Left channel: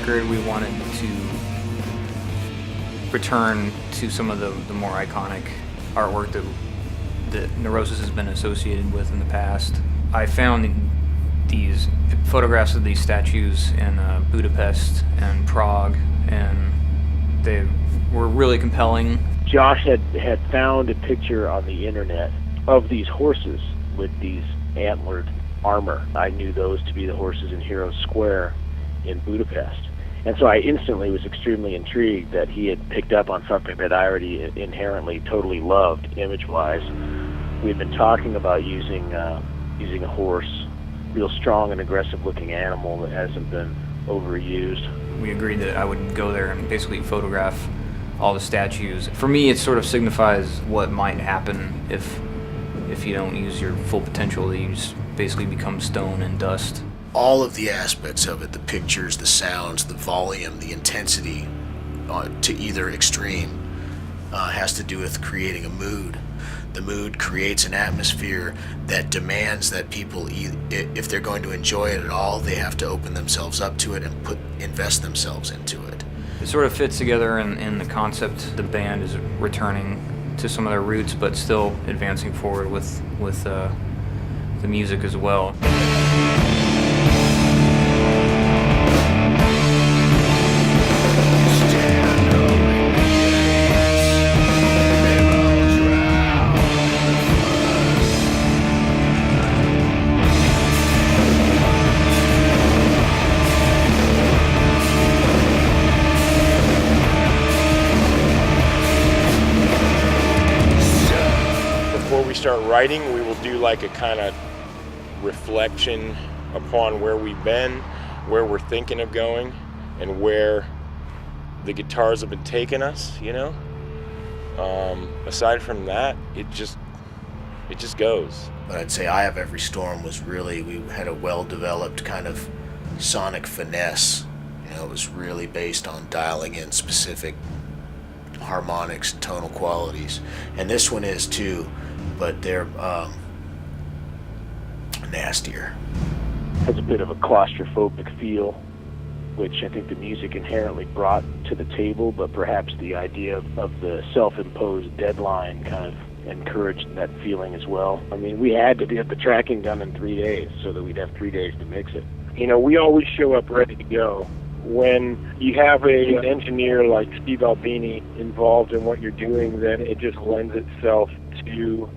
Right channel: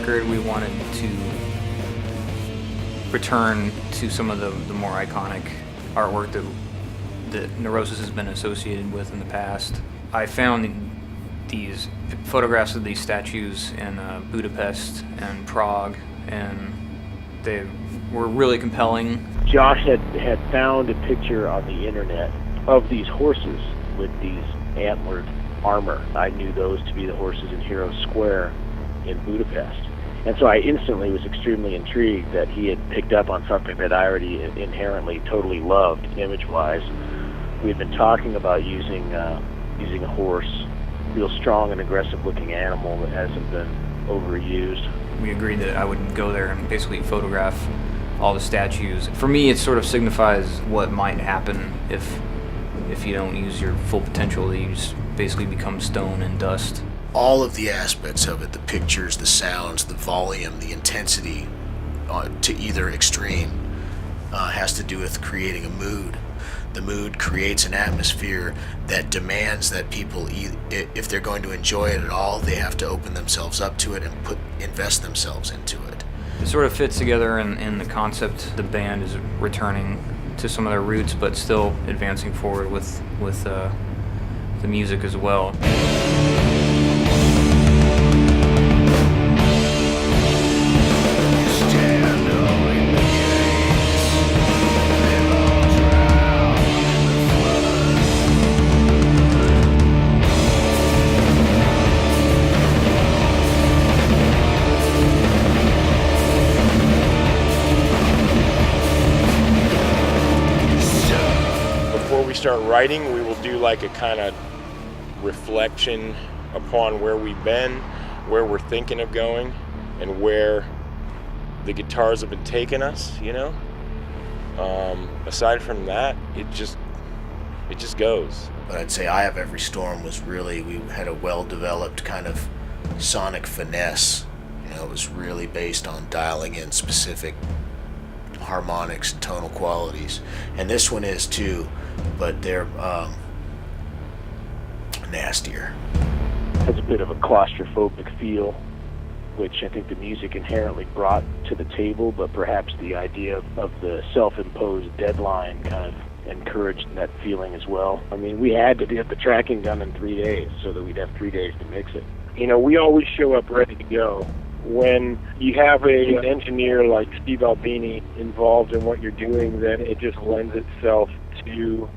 record, we wanted to return to some of the more iconic artwork that Neurosis has been associated with in the past. I found these photographs of these statues in Budapest and Prague, and they were really compelling. Josh had found a picture on the internet of these horses with these antlered armor. I knew those to be the horses in Hero Square in Budapest. And so I instantly was extremely intrigued that he had picked up on something that I already inherently totally loved image-wise. We had been talking about using a horse, real strong and aggressive-looking animal that hasn't been overused. We agreed that I would go there and basically photograph all the statues. For me, it sort of signifies what might happen if you don't use your full potential, that you just basically become stone and dust. All of the aspects of it, the pictures, the sounds, the volume, the intensity to either extreme has to do with creating a mood. The mood creates an atmosphere that demands that people, if they're going to enjoy it at all, they have to open themselves up to it and invest themselves into it. It sort of fits together in the concept. The band is returning to some of their roots, but still advancing forward with the music as well. Before we start writing, we will do like a kind of reflection upon where we've been, where we're thinking of going, and where the guitars have been taking us, you know? Aside from that, it just goes. But I'd say Eye of Every Storm was really, we had a well-developed kind of sonic finesse. You know, it was really based on dialing in specific harmonics and tonal qualities. And this one is too, but they're nastier. Has a bit of a claustrophobic feel, which I think the music inherently brought to the table, but perhaps the idea of the self-imposed deadline kind of encouraged that feeling as well. I mean, we had to get the tracking done in 3 days so that we'd have 3 days to mix it. You know, we always show up ready to go. When you have an engineer like Steve Albini involved in what you're doing, then it just lends itself to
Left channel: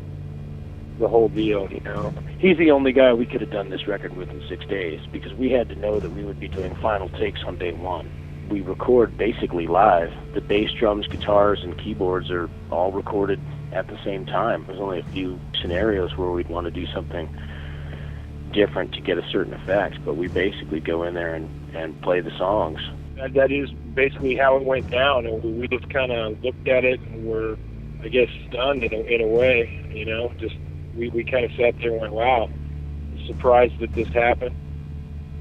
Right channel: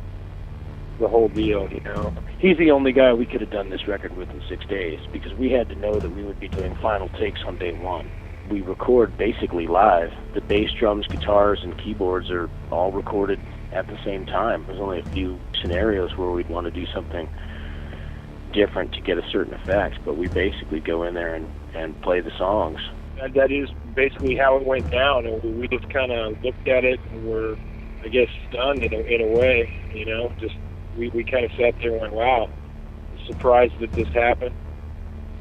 the whole deal, you know. He's the only guy we could have done this record with in 6 days, because we had to know that we would be doing final takes on day one. We record basically live. The bass, drums, guitars, and keyboards are all recorded at the same time. There's only a few scenarios where we'd want to do something different to get a certain effect, but we basically go in there and play the songs. That is basically how it went down, and we just kind of looked at it and were, I guess, stunned in a way, you know. Just we kind of sat there and went, wow, surprised that this happened,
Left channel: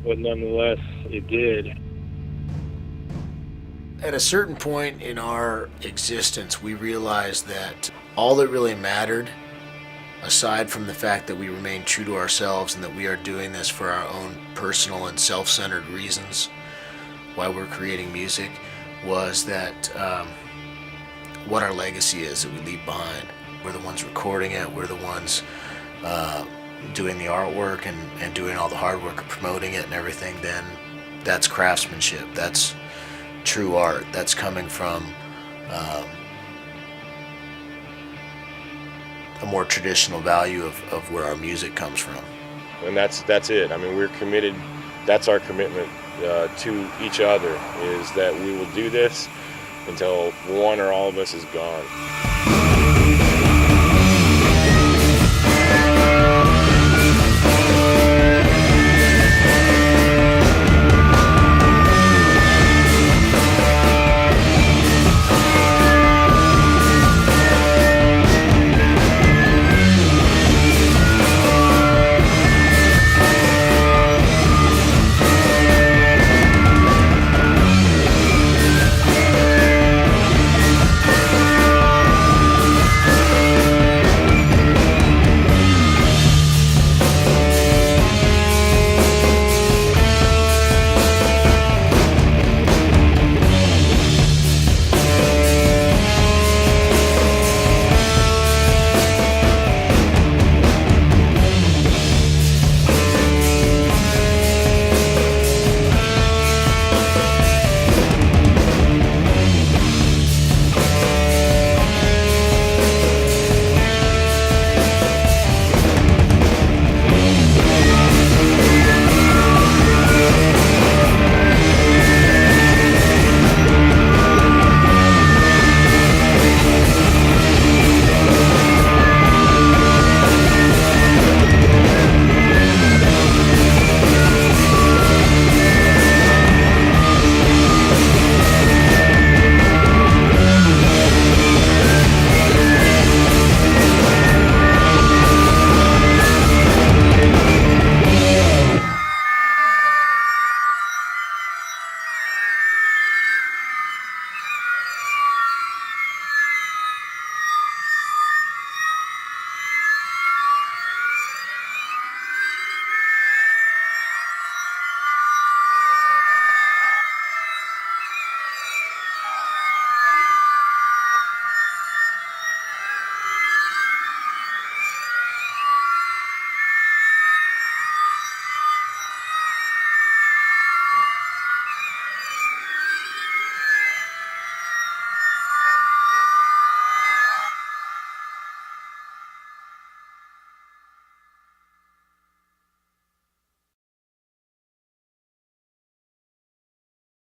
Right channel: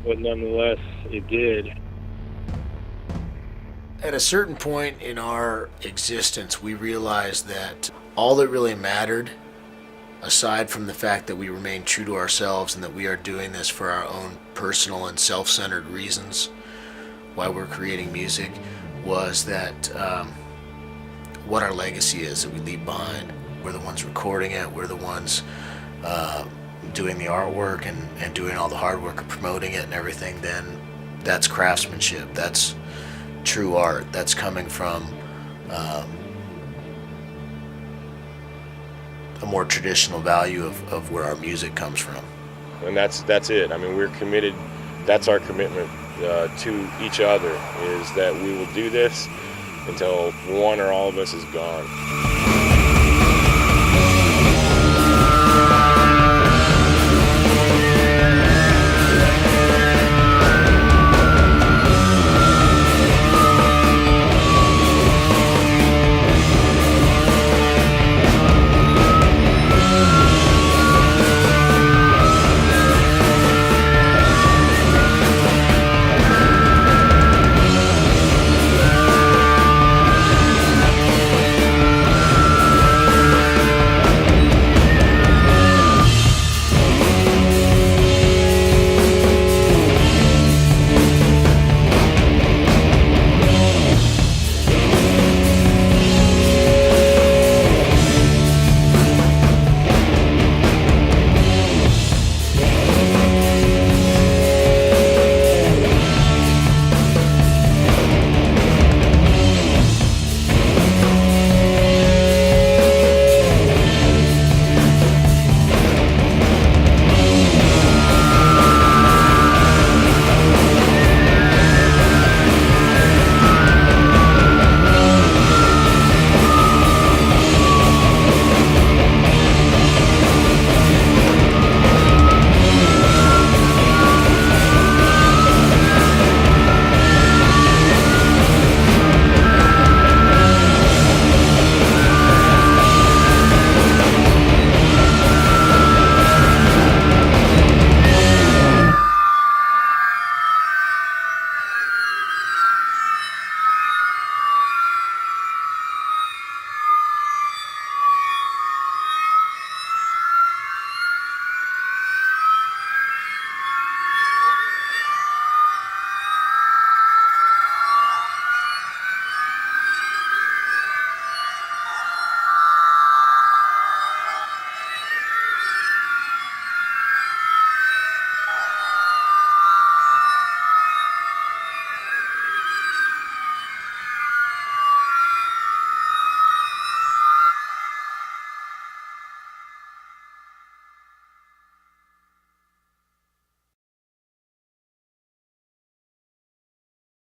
but nonetheless, it did. At a certain point in our existence, we realized that all that really mattered, aside from the fact that we remain true to ourselves and that we are doing this for our own personal and self-centered reasons while we're creating music, was that what our legacy is that we leave behind. We're the ones recording it, we're the ones doing the artwork and doing all the hard work of promoting it and everything. Then that's craftsmanship, that's true art, that's coming from a more traditional value of where our music comes from. And that's it. I mean, we're committed, that's our commitment to each other, is that we will do this until one or all of us is gone.